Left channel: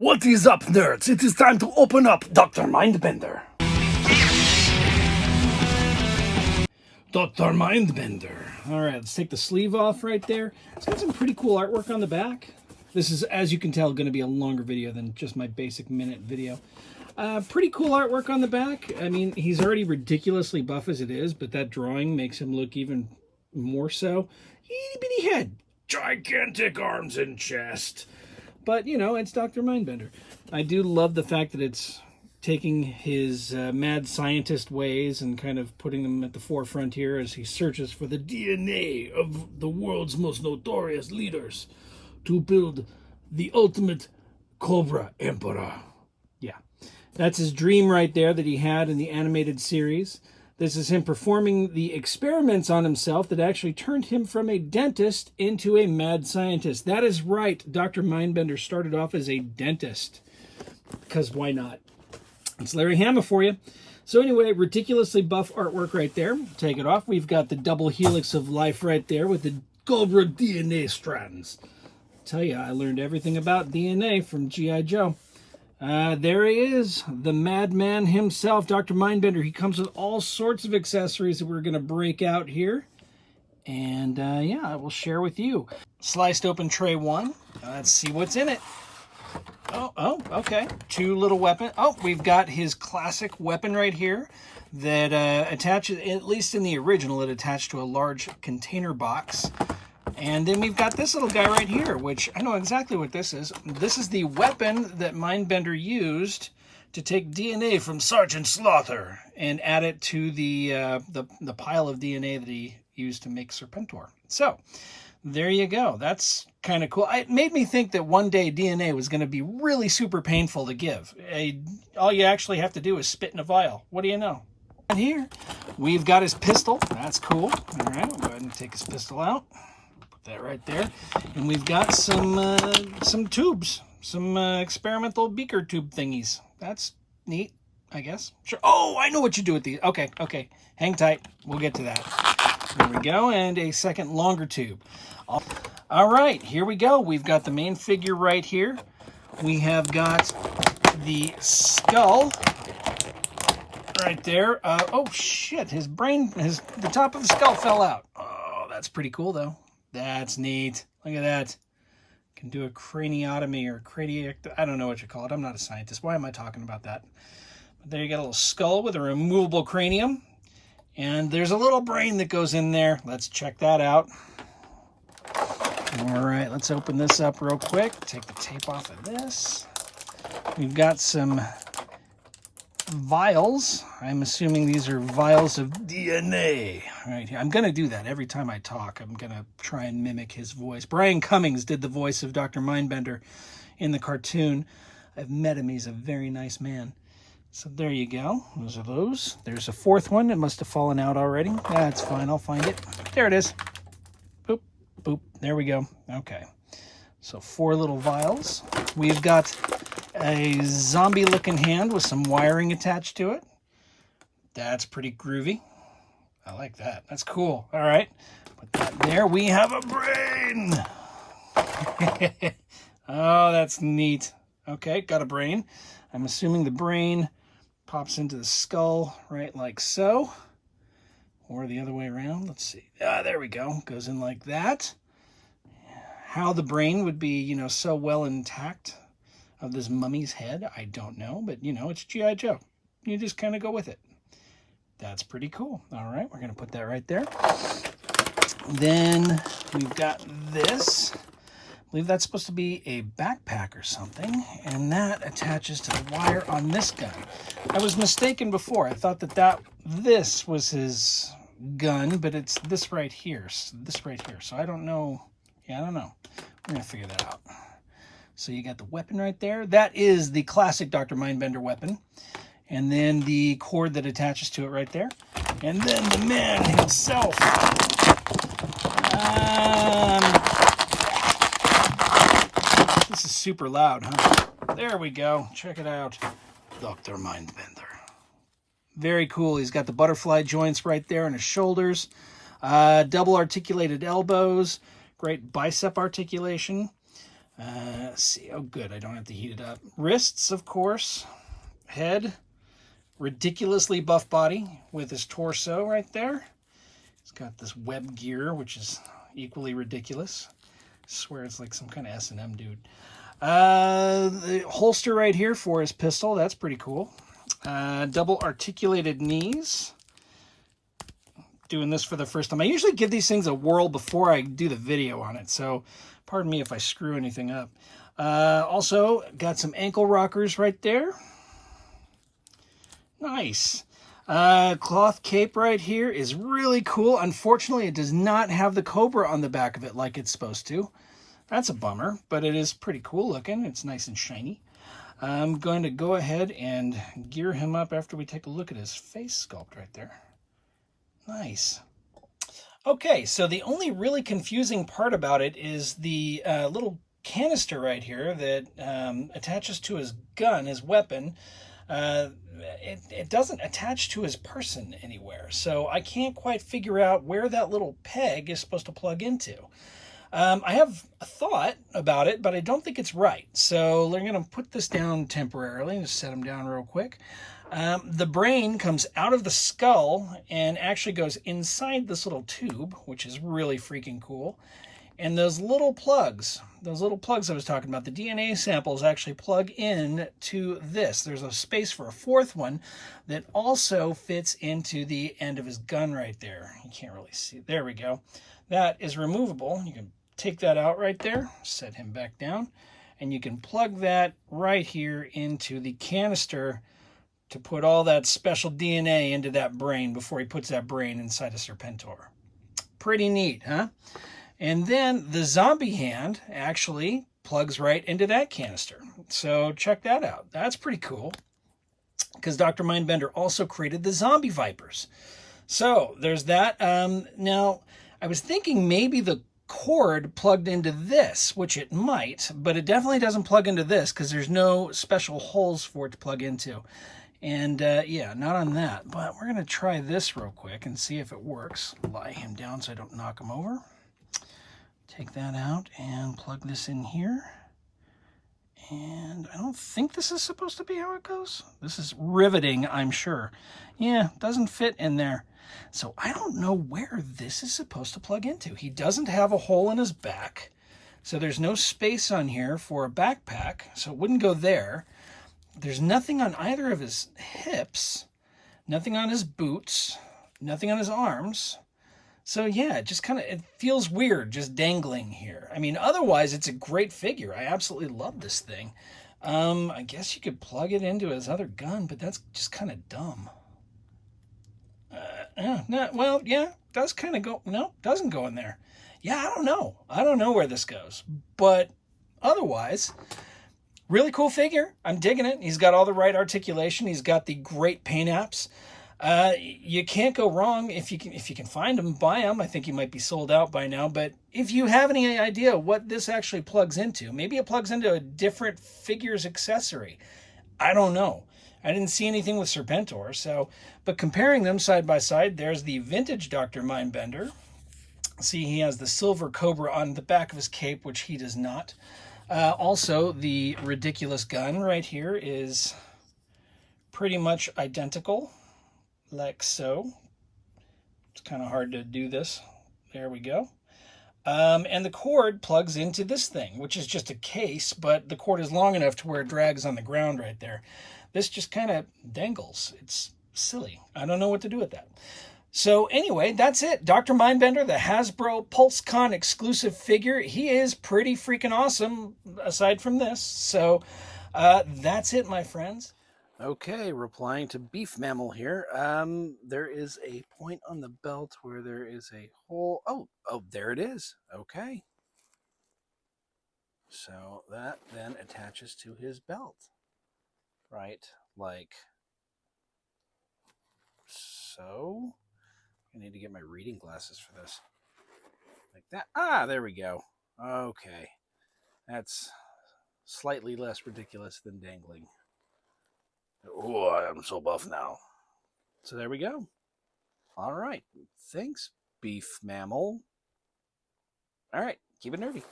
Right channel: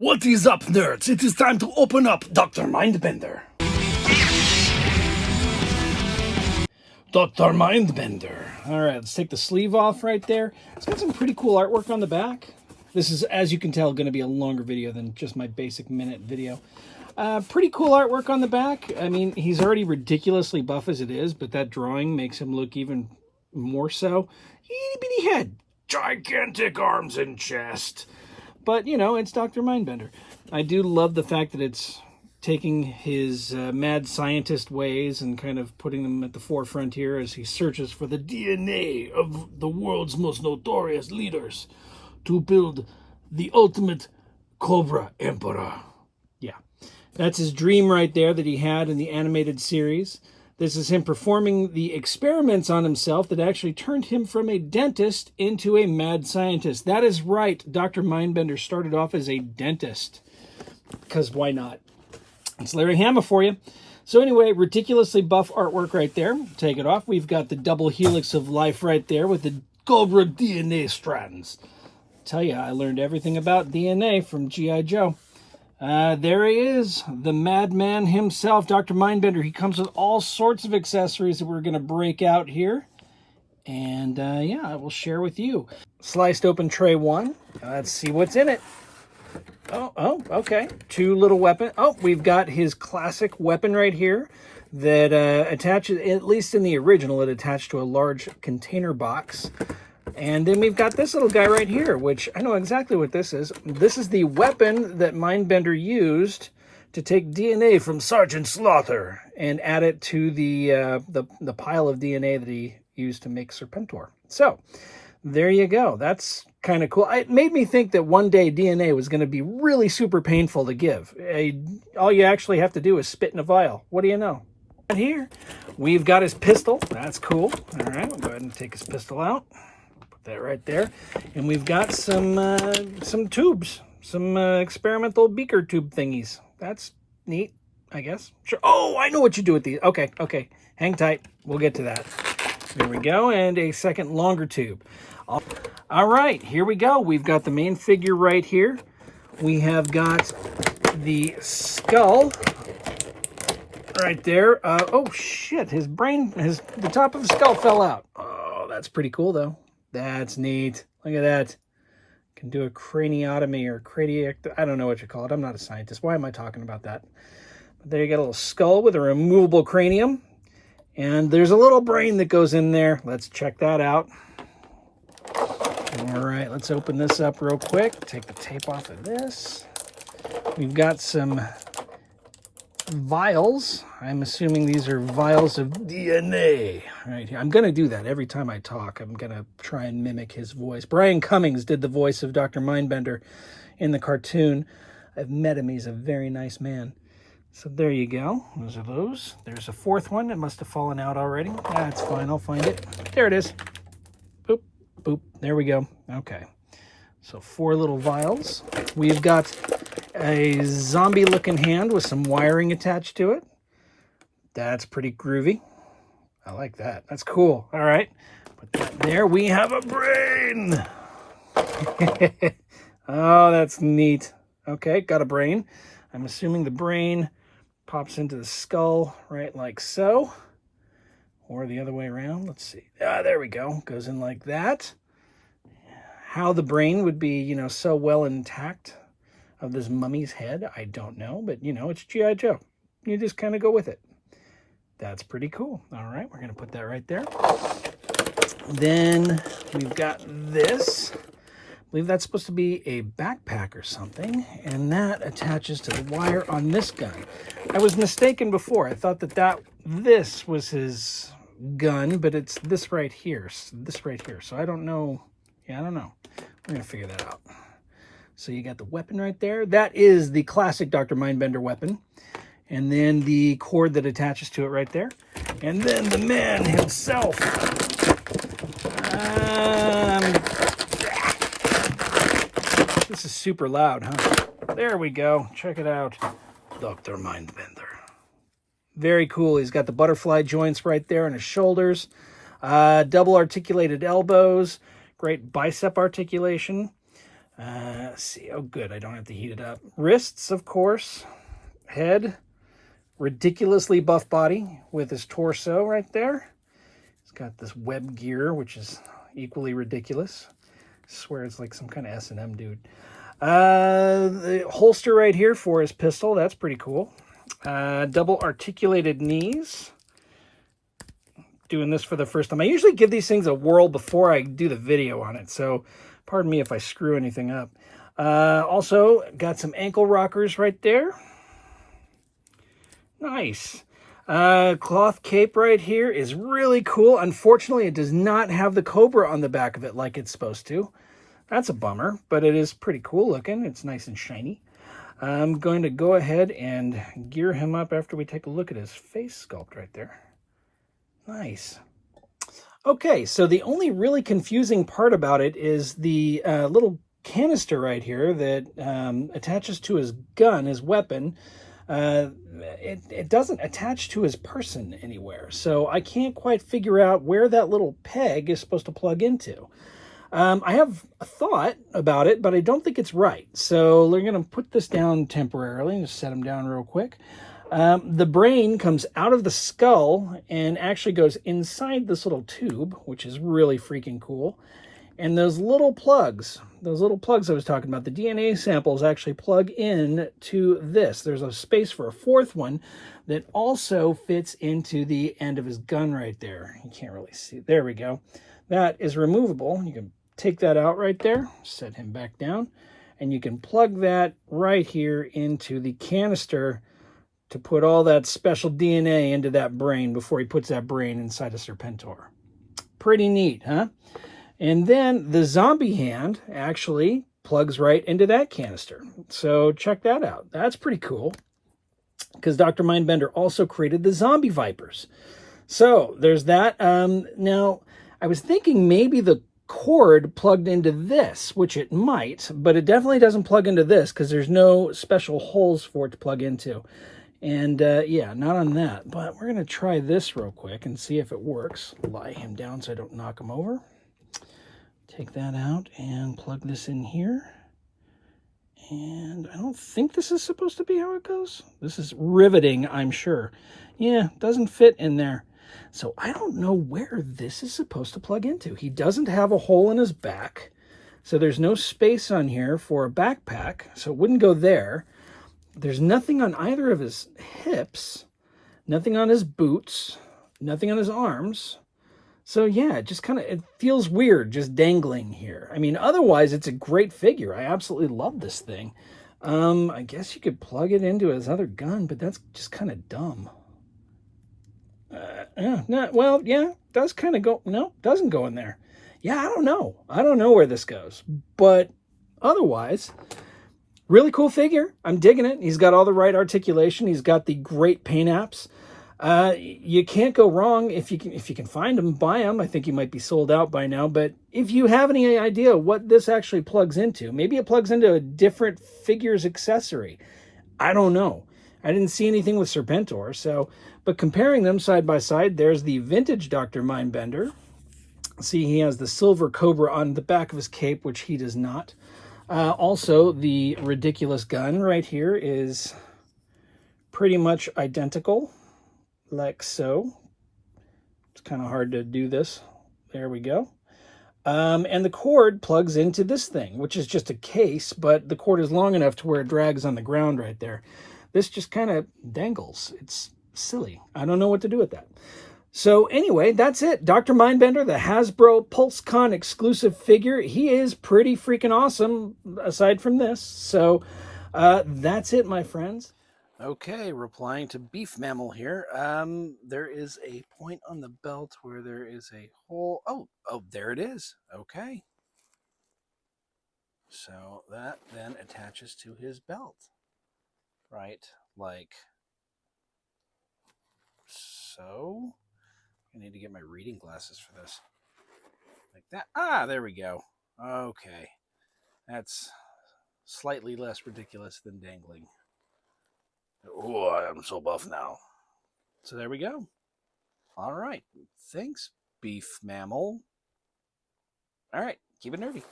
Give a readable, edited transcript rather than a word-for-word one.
What is up, nerds? It is time to open up Dr. MiNdBeNdEr. Dr. MiNdBeNdEr. All right, let's take the sleeve off right there. It's got some pretty cool artwork on the back. This is, as you can tell, going to be a longer video than just my basic minute video. Pretty cool artwork on the back. I mean, he's already ridiculously buff as it is, but that drawing makes him look even more so. Itty bitty head, gigantic arms and chest. But, you know, it's Dr. MiNdBeNdEr. I do love the fact that it's taking his mad scientist ways and kind of putting them at the forefront here as he searches for the DNA of the world's most notorious leaders to build the ultimate Cobra Emperor. Yeah, that's his dream right there that he had in the animated series. This is him performing the experiments on himself that actually turned him from a dentist into a mad scientist. That is right. Dr. MiNdBeNdEr started off as a dentist. Because why not? It's Larry Hama for you. So anyway, ridiculously buff artwork right there. Take it off. We've got the double helix of life right there with the Cobra DNA strands. Tell you, I learned everything about DNA from G.I. Joe. There he is, the madman himself, Dr. MiNdBeNdEr. He comes with all sorts of accessories that we're going to break out here. And, yeah, I will share with you. Sliced open tray one. Let's see what's in it. Oh, okay. Two little weapons. Oh, we've got his classic weapon right here that attaches, at least in the original, it attached to a large container box. And then we've got this little guy right here, which I know exactly what this is. This is the weapon that MiNdBeNdEr used to take DNA from Sergeant Slaughter and add it to the pile of DNA that he used to make Serpentor. So there you go. That's kind of cool. It made me think that one day DNA was going to be really super painful to give. All you actually have to do is spit in a vial. What do you know? Here, we've got his pistol. That's cool. All right, we'll go ahead and take his pistol out. That right there, and we've got some tubes, some experimental beaker tube thingies. That's neat, I guess. Sure. Oh, I know what you do with these. Okay, hang tight. We'll get to that. There we go, and a second longer tube. All right, here we go. We've got the main figure right here. We have got the skull right there. Oh shit, his brain, the top of the skull fell out. Oh, that's pretty cool though. That's neat. Look at that. Can do a craniotomy or I don't know what you call it. I'm not a scientist. Why am I talking about that? But there you get a little skull with a removable cranium. And there's a little brain that goes in there. Let's check that out. All right, let's open this up real quick. Take the tape off of this. We've got some vials. I'm assuming these are vials of DNA right here. I'm going to do that every time I talk. I'm going to try and mimic his voice. Brian Cummings did the voice of Dr. MiNdBeNdEr in the cartoon. I've met him. He's a very nice man. So there you go. Those are those. There's a fourth one. It must have fallen out already. That's fine. I'll find it. There it is. Boop, boop. There we go. Okay. So 4 little vials. We've got a zombie-looking hand with some wiring attached to it. That's pretty groovy. I like that. That's cool. All right. Put that there. We have a brain. Oh, that's neat. Okay, got a brain. I'm assuming the brain pops into the skull right like so. Or the other way around. Let's see. Ah, there we go. Goes in like that. How the brain would be, you know, so well intact of this mummy's head, I don't know. But, you know, it's G.I. Joe. You just kind of go with it. That's pretty cool. All right, we're going to put that right there. Then we've got this. I believe that's supposed to be a backpack or something. And that attaches to the wire on this gun. I was mistaken before. I thought that this was his gun, but it's this right here. This right here. So I don't know. Yeah, I don't know. We're going to figure that out. So you got the weapon right there. That is the classic Dr. MiNdBeNdEr weapon. And then the cord that attaches to it right there. And then the man himself. This is super loud, huh? There we go. Check it out. Dr. MiNdBeNdEr. Very cool. He's got the butterfly joints right there on his shoulders. Double articulated elbows. Great bicep articulation. Let's see. Oh, good. I don't have to heat it up. Wrists, of course. Head. Ridiculously buff body with his torso right there. He's got this web gear, which is equally ridiculous. I swear it's like some kind of S&M dude. The holster right here for his pistol. That's pretty cool. Double articulated knees. Doing this for the first time. I usually give these things a whirl before I do the video on it, so pardon me if I screw anything up. Also, got some ankle rockers right there. Nice. Cloth cape right here is really cool. Unfortunately, it does not have the Cobra on the back of it like it's supposed to. That's a bummer, but it is pretty cool looking. It's nice and shiny. I'm going to go ahead and gear him up after we take a look at his face sculpt right there. Nice. Okay, so the only really confusing part about it is the little canister right here that attaches to his gun, his weapon. It doesn't attach to his person anywhere, so I can't quite figure out where that little peg is supposed to plug into. I have a thought about it, but I don't think it's right. So we're going to put this down temporarily. Just set him down real quick. The brain comes out of the skull and actually goes inside this little tube, which is really freaking cool. And those little plugs I was talking about, the DNA samples actually plug in to this. There's a space for a fourth one that also fits into the end of his gun right there. You can't really see. There we go. That is removable. You can take that out right there, set him back down, and you can plug that right here into the canister to put all that special DNA into that brain before he puts that brain inside a Serpentor. Pretty neat, huh? And then the zombie hand actually plugs right into that canister. So check that out. That's pretty cool, because Dr. MiNdBeNdEr also created the zombie vipers. So there's that. Now, I was thinking maybe the cord plugged into this, which it might, but it definitely doesn't plug into this because there's no special holes for it to plug into. And yeah, not on that, but we're going to try this real quick and see if it works. Lie him down so I don't knock him over. Take that out and plug this in here. And I don't think this is supposed to be how it goes. This is riveting, I'm sure. Yeah, doesn't fit in there. So I don't know where this is supposed to plug into. He doesn't have a hole in his back, so there's no space on here for a backpack, so it wouldn't go there. There's nothing on either of his hips, nothing on his boots, nothing on his arms. So yeah, it feels weird just dangling here. I mean, otherwise it's a great figure. I absolutely love this thing. I guess you could plug it into his other gun, but that's just kind of dumb. Well, yeah, does kind of go. No, doesn't go in there. Yeah, I don't know. I don't know where this goes. But otherwise, really cool figure. I'm digging it. He's got all the right articulation. He's got the great paint apps. You can't go wrong if you can find them, buy them. I think he might be sold out by now. But if you have any idea what this actually plugs into, maybe it plugs into a different figure's accessory. I don't know. I didn't see anything with Serpentor, but comparing them side by side, there's the vintage Dr. MiNdBeNdEr. See, he has the silver Cobra on the back of his cape, which he does not. Also, the ridiculous gun right here is pretty much identical, like so. It's kind of hard to do this. There we go. And the cord plugs into this thing, which is just a case, but the cord is long enough to where it drags on the ground right there. This just kind of dangles. It's silly. I don't know what to do with that. So anyway, that's it. Dr. MiNdBeNdEr, the Hasbro Pulsecon exclusive figure. He is pretty freaking awesome, aside from this. So that's it, my friends. Okay, replying to Beef Mammal here. There is a point on the belt where there is a hole. Oh, there it is. Okay. So that then attaches to his belt. Right, like so. I need to get my reading glasses for this. Like that. Ah, there we go. Okay. That's slightly less ridiculous than dangling. Oh, I'm so buff now. So there we go. All right. Thanks, Beef Mammal. All right. Keep it nerdy.